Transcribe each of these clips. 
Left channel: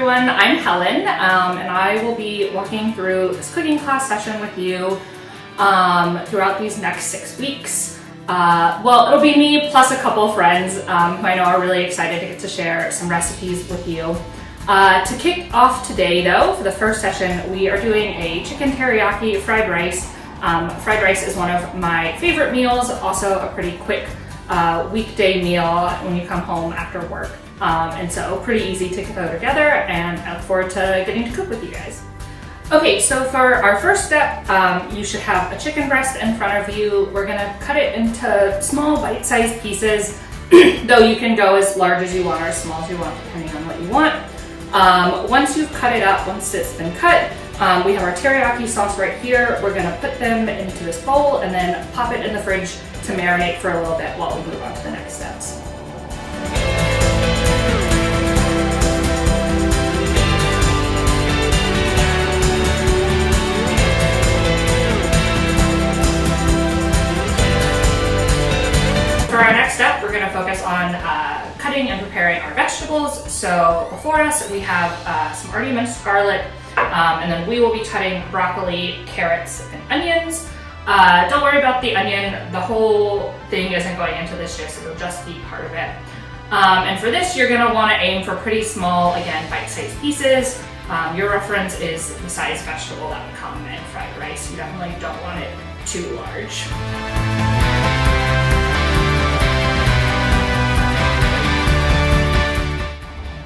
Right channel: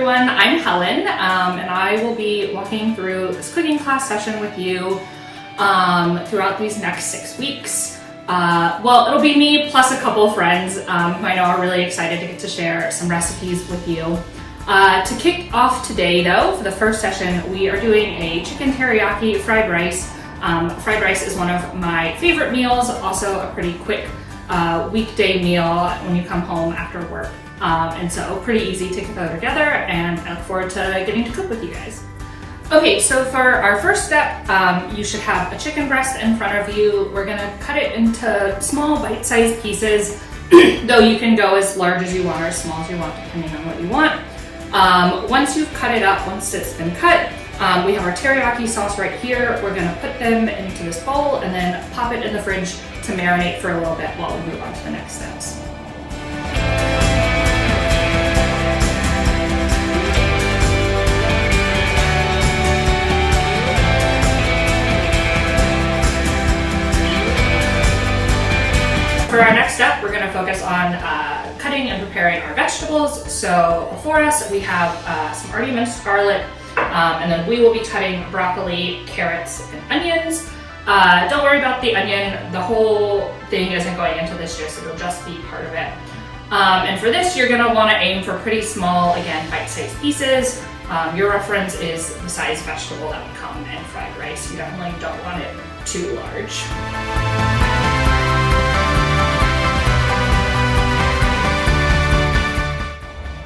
everyone, I'm Helen, and I will be walking through this cooking class session with you throughout these next 6 weeks. Well, it'll be me plus a couple of friends who I know are really excited to get to share some recipes with you. To kick off today though, for the first session, we are doing a chicken teriyaki fried rice. Fried rice is one of my favorite meals, also a pretty quick weekday meal when you come home after work. And so pretty easy to throw together, and I look forward to getting to cook with you guys. Okay, so for our first step, you should have a chicken breast in front of you. We're gonna cut it into small bite-sized pieces, though you can go as large as you want or as small as you want, depending on what you want. Once you've cut it up, once it's been cut, we have our teriyaki sauce right here. We're gonna put them into this bowl and then pop it in the fridge to marinate for a little bit while we move on to the next steps. For our next step, we're going to focus on cutting and preparing our vegetables. So before us, we have some already minced garlic, and then we will be cutting broccoli, carrots, and onions. Don't worry about the onion. The whole thing isn't going into this juice. It'll just be part of it. And for this, you're going to want to aim for pretty small, again, bite-sized pieces. Your reference is the size vegetable that would come in fried rice. You definitely don't want it too large.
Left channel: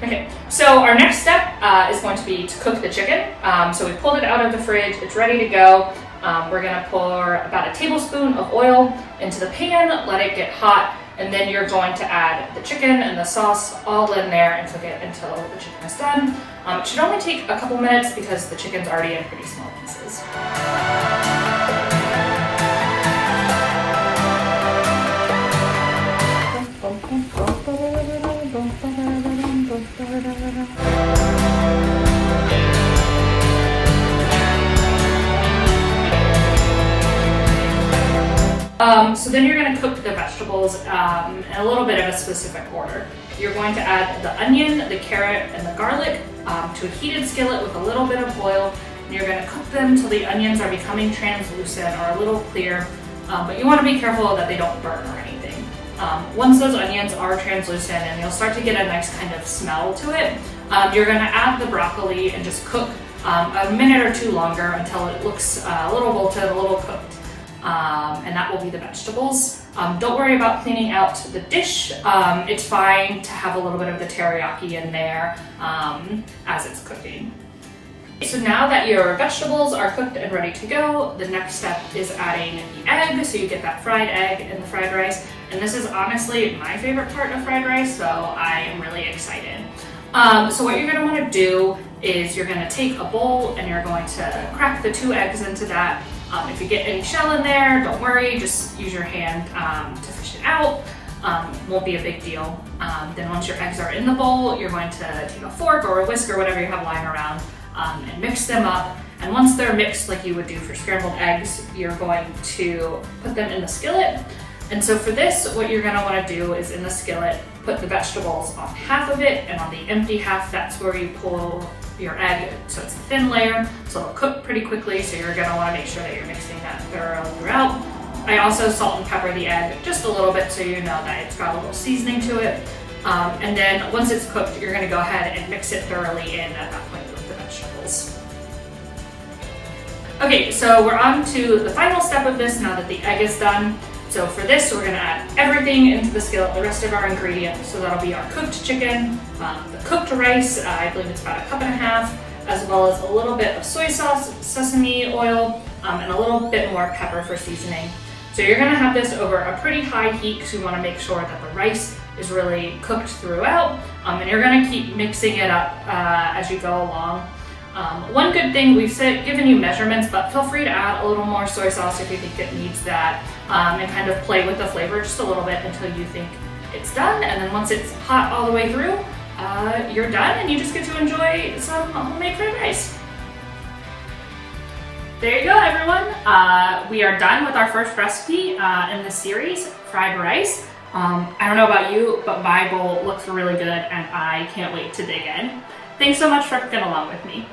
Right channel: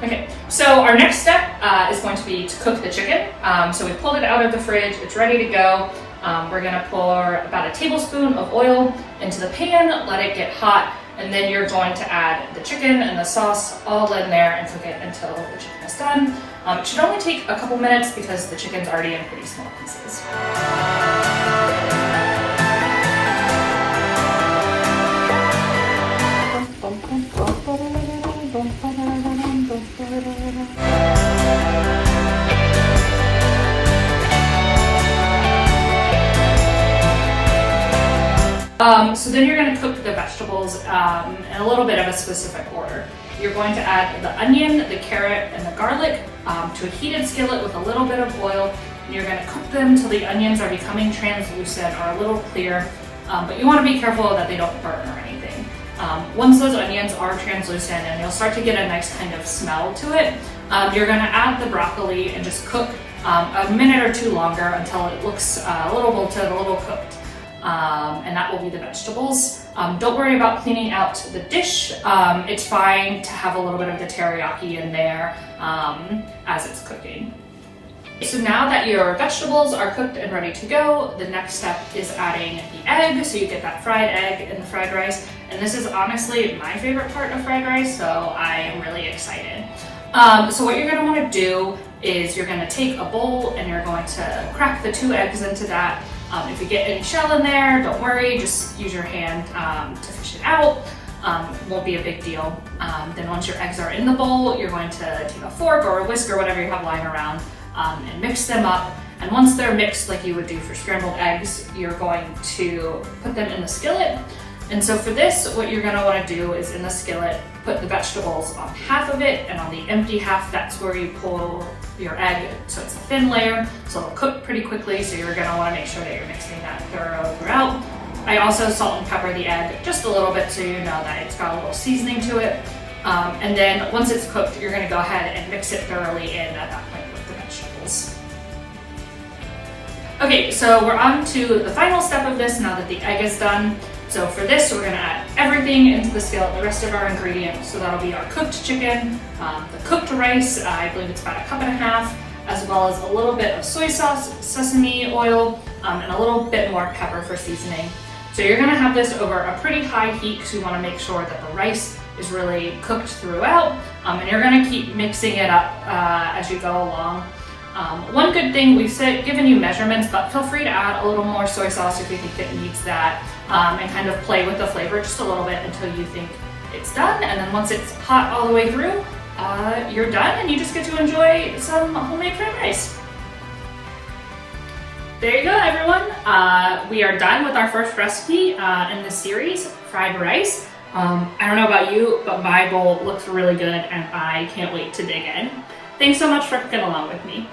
Okay, so our next step is going to be to cook the chicken. So we pulled it out of the fridge, it's ready to go. We're gonna pour about a tablespoon of oil into the pan, let it get hot, and then you're going to add the chicken and the sauce all in there and cook it until the chicken is done. It should only take a couple minutes because the chicken's already in pretty small pieces. So then you're going to cook the vegetables in a little bit of a specific order. You're going to add the onion, the carrot, and the garlic to a heated skillet with a little bit of oil. And you're going to cook them until the onions are becoming translucent or a little clear, but you want to be careful that they don't burn or anything. Once those onions are translucent and you'll start to get a nice kind of smell to it, you're going to add the broccoli and just cook a minute or two longer until it looks a little wilted, a little cooked. And that will be the vegetables. Don't worry about cleaning out the dish. It's fine to have a little bit of the teriyaki in there as it's cooking. So now that your vegetables are cooked and ready to go, the next step is adding the egg. So you get that fried egg in the fried rice. And this is honestly my favorite part of fried rice, so I am really excited. So what you're going to want to do is you're going to take a bowl and you're going to crack the 2 eggs into that. If you get any shell in there, don't worry, just use your hand to fish it out. Won't be a big deal. Then once your eggs are in the bowl, you're going to take a fork or a whisk or whatever you have lying around and mix them up. And once they're mixed like you would do for scrambled eggs, you're going to put them in the skillet. And so for this, what you're going to want to do is in the skillet, put the vegetables on half of it, and on the empty half, that's where you pull your egg, so it's a thin layer, so it'll cook pretty quickly, so you're going to want to make sure that you're mixing that thoroughly throughout. I also salt and pepper the egg just a little bit so you know that it's got a little seasoning to it. And then once it's cooked, you're going to go ahead and mix it thoroughly in at that point with the vegetables. Okay, so we're on to the final step of this now that the egg is done. So for this, we're going to add everything into the skillet, the rest of our ingredients. So that'll be our cooked chicken, the cooked rice, I believe it's about 1.5 cups, as well as a little bit of soy sauce, sesame oil, and a little bit more pepper for seasoning. So you're going to have this over a pretty high heat because you want to make sure that the rice is really cooked throughout, and you're going to keep mixing it up as you go along. One good thing, we've given you measurements, but feel free to add a little more soy sauce if you think it needs that, and kind of play with the flavor just a little bit until you think it's done. And then once it's hot all the way through, you're done and you just get to enjoy some homemade fried rice. There you go, everyone. We are done with our first recipe in this series, fried rice. I don't know about you, but my bowl looks really good and I can't wait to dig in. Thanks so much for cooking along with me.